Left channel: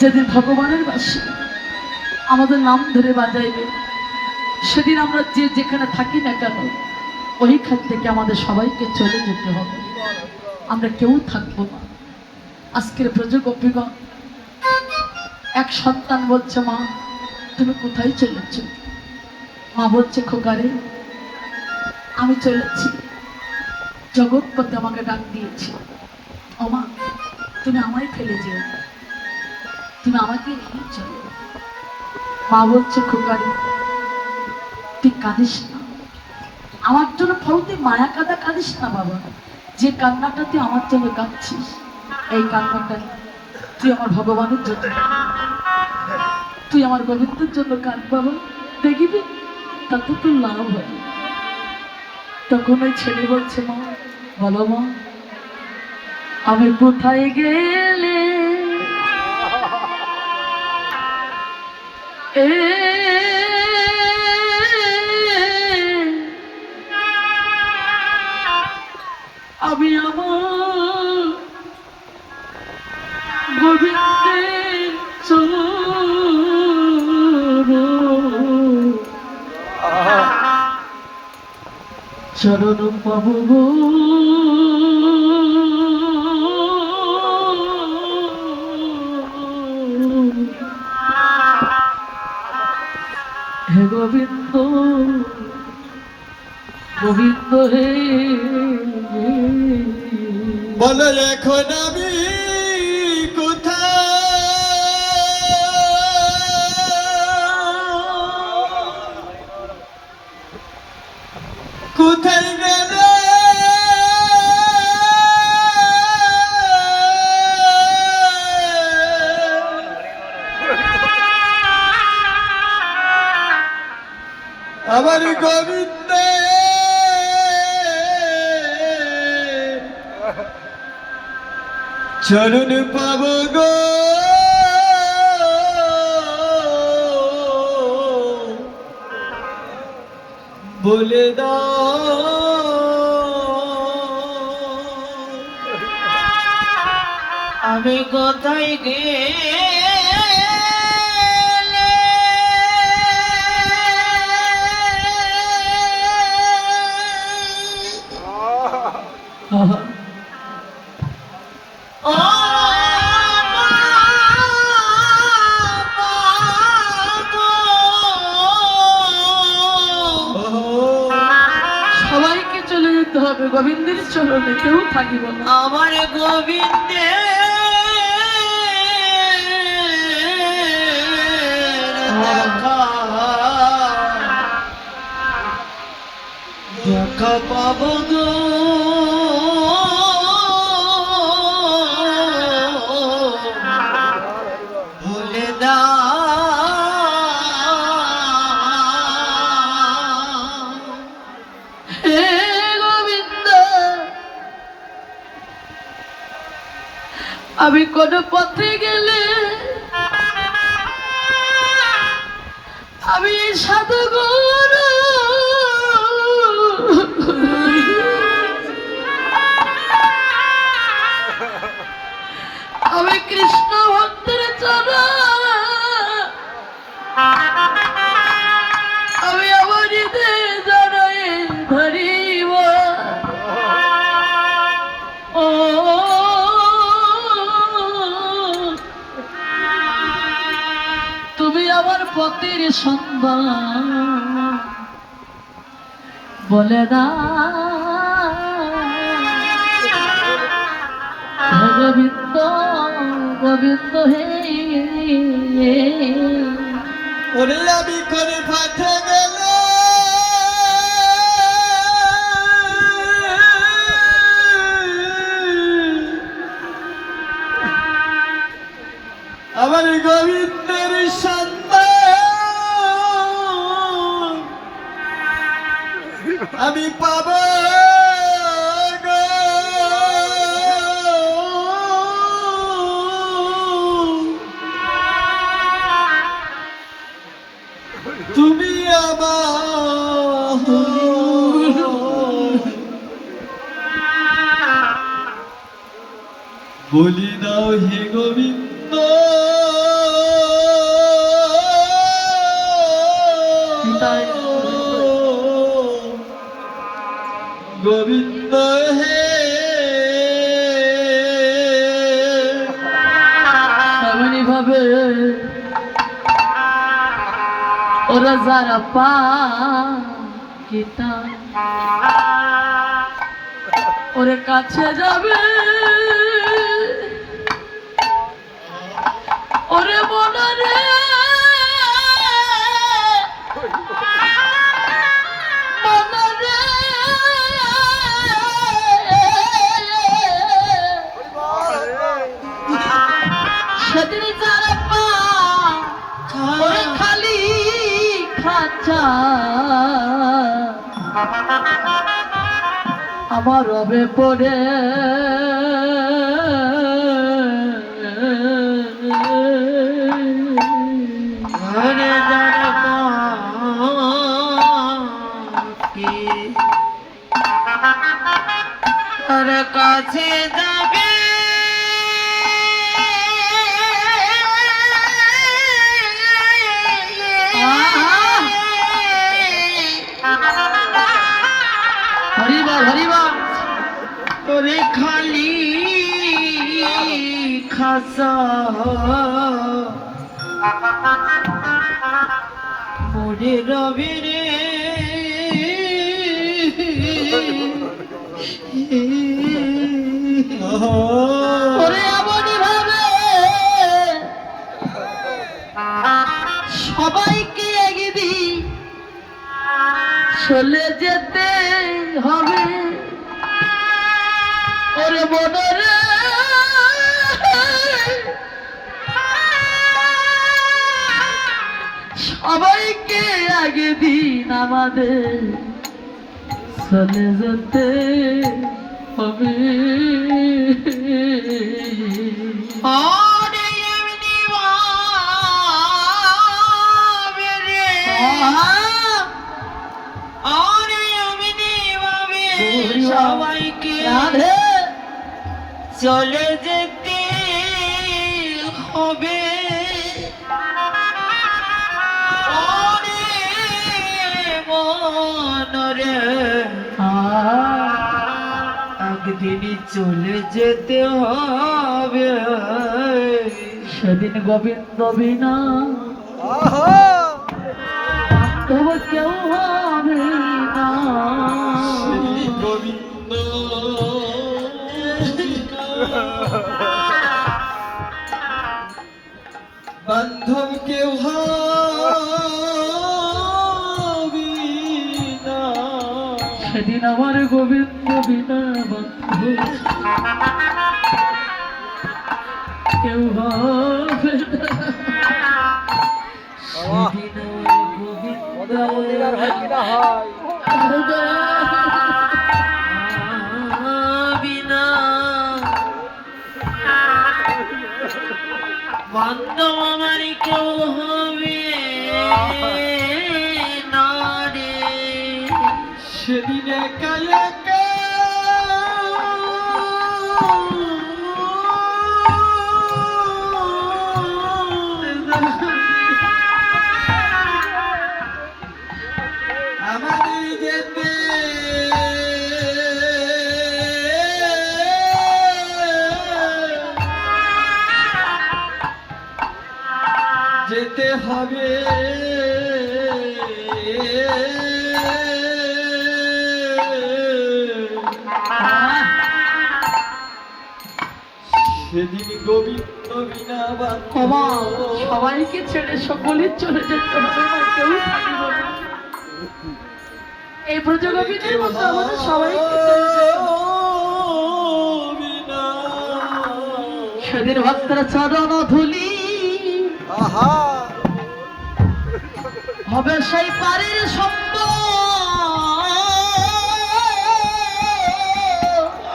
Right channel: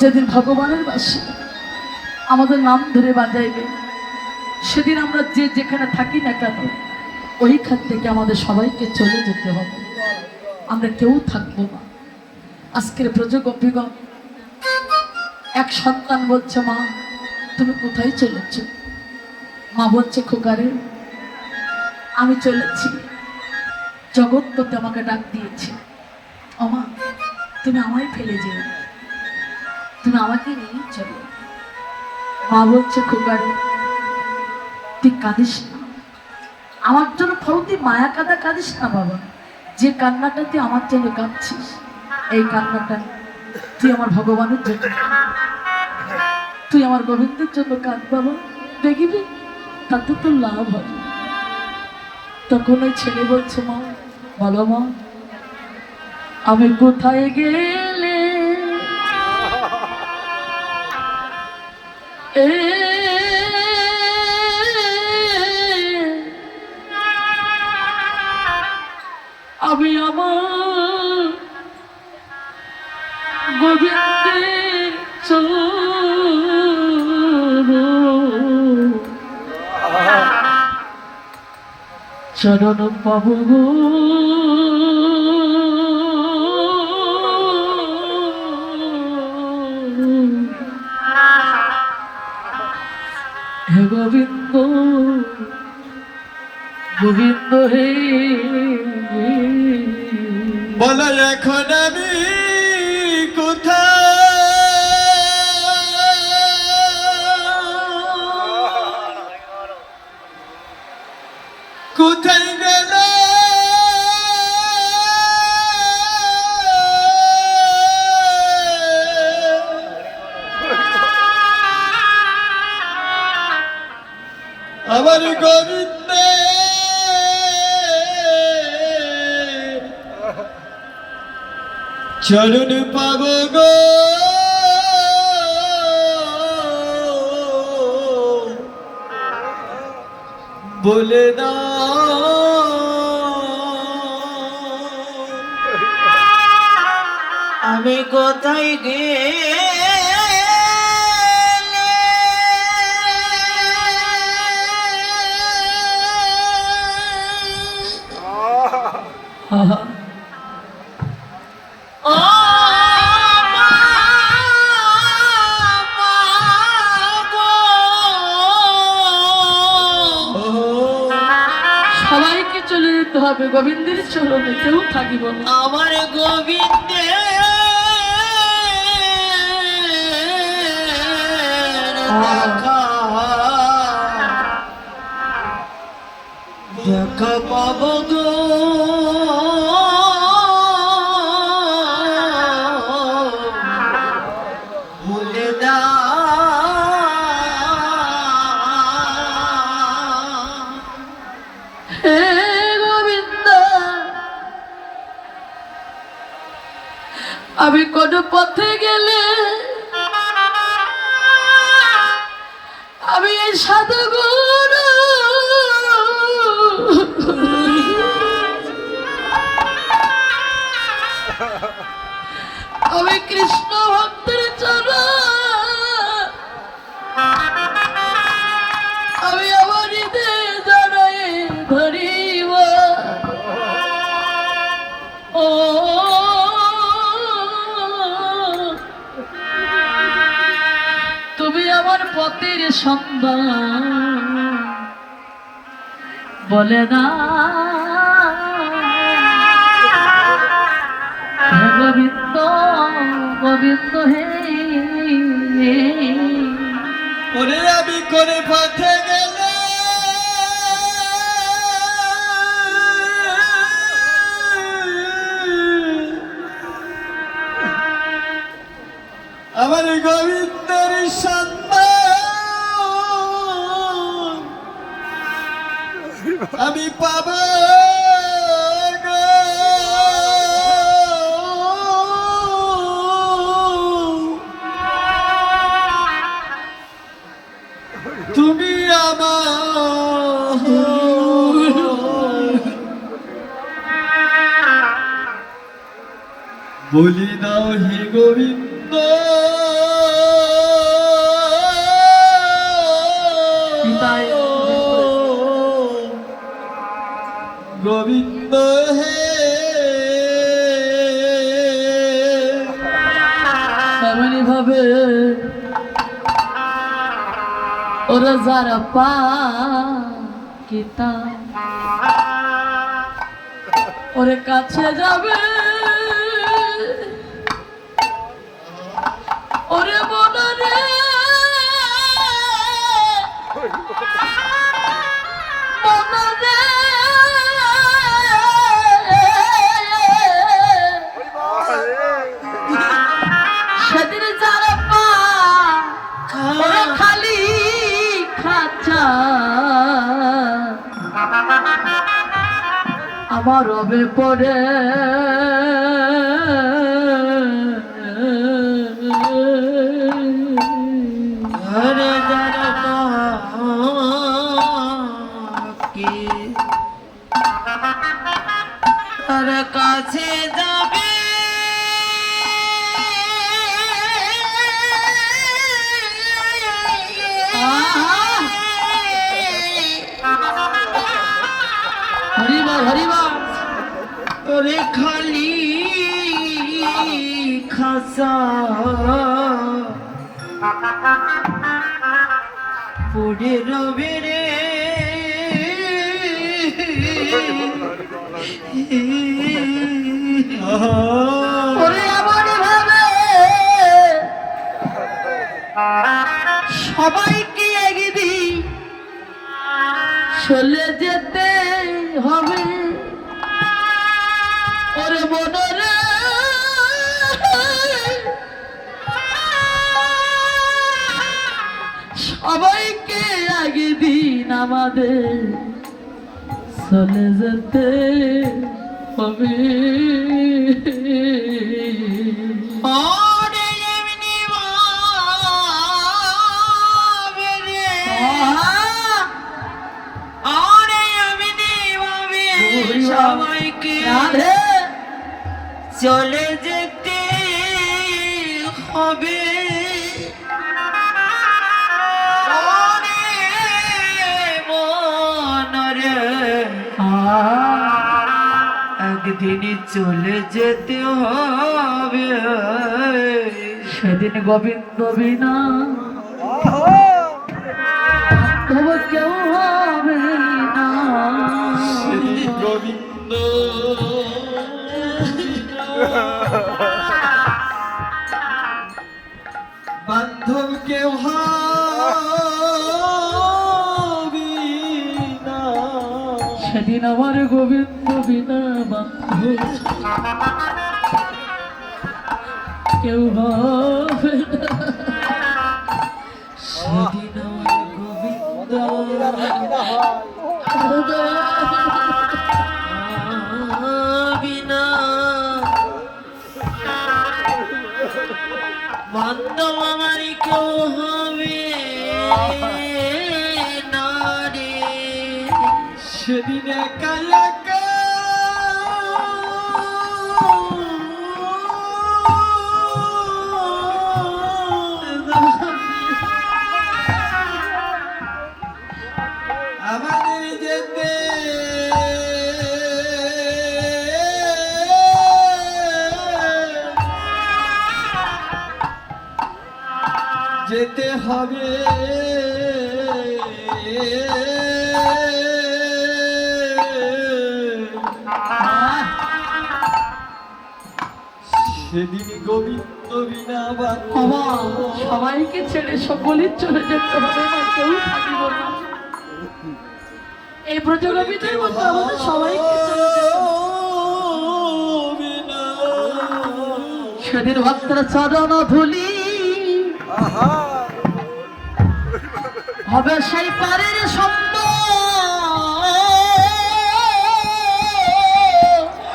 যেদিন ভগবানের বাসী আমাদের নাম ধরে বাজাইবে, সেদিন আমরা যে যেখানে থাকি না কেন ওইখান থেকে আমাদের সবাইকে চলে যেতে হবে, আমরা কেউ থাকবো না। আজকের ব্রজগোপীগণ, এক সন্তান বলছে, মা তুমি কোথায় চলেছ? মা বলছে, খোকারে আমি চলেছি, জগৎপতি আমাকে ডাক দিয়েছে, আমা তুমি আমায় ফেলে যেও, তুমি আমাকে নিয়ে চলো। মা বলছে, খোকারে তুই কাঁদিস না, আমার জন্য ফলতি মায়া কাঁদা কাঁদিস না বাবা। যে কান্নাটা তুই আমার জন্য কাঁদছিস, এই কান্নাটা তুই আমার ভগবানের জন্য, তুই আমার গোবিন্দের জন্য কাঁদ বাবা, দেখবি তাতে তোর লাভ হবে। তখন ওই ছেলে বলছে, মা বলো মা আমি কোথায় গেলে আমি আমার গোবিন্দের চরণ পাবো গো। হে গোবিন্দ গোবিন্দ হে, বলো এখন আমি কোথায় গেল আমার গোবিন্দ চরণ পাব গো। বলে দাও আমি কোথায় গেলে আহা সবাইকে চলে যেতে হবে, গোবিন্দের চরণে কেউ থাকিব না। আমার গোবিন্দের দেখা দেখা পাব গো। বলে হে গোবিন্দ আমি কোন পথে গেলে আমি এই সাধু গুরু আমি কৃষ্ণ ভক্তের চরণ আমি আমার হৃদয়ে জড়ায়ে ধরিব। ও তুমি আমার পথের সন্ধান বলে না, গোবিন্দ গোবিন্দ হে। ওরে আমি করে পথে গেল আমার গোবিন্দের সন্তান আমি পাব গো। তুমি আমার বলি দাও হে গোবিন্দ। এমনই ভাবে ওরা যারা পাকিতা ওরে কাছে যাবে ওরে মনরে মনরে সেদিন যারা পা ওরা খালি খাচ্ছা আমার রবে পড়ে ঘরে যারা কি তোর কাছে যাবে হরিবা হরিবা ওরে খালি খাসা পড়ে রবে রে ওরে এমনই ভাবে সবাইকে একদিন চলে যেতে হবে ওরে মনরে সবাইকে আগে দিন আমাদের চলে যেতে হবে ওরে এমনি ভাবে রে ওরে এমনি ভাবে সবাইকে রাধে চলে যেতে হবে ওরে মনরে একদিন চলে যেতে হবে সেদিন গোবিন্দ বিনা তবু কেউ হবে না গোবিন্দ বান্ধব কেউ হবে না সেদিন আমার গোবিন্দ বিনা বান্ধব কেউ হবে না সেদিন গোবিন্দ বিনা বান্ধব আমার কেউ হবে না রে সেদিন একা একা আমাদের যেতে যেতে হবে সেদিন গোবিন্দ বিনা বাবা সবাইকে ছেড়ে সকলেই চলে যেতে হবে না কেউ থাকিব না এই ব্রজগোবিন্দের মতো আমাদের সবাইকে চলে যেতে হবে। সেদিন ভক্তর চরণ ধুলি হবে সেই পারের সম্ভব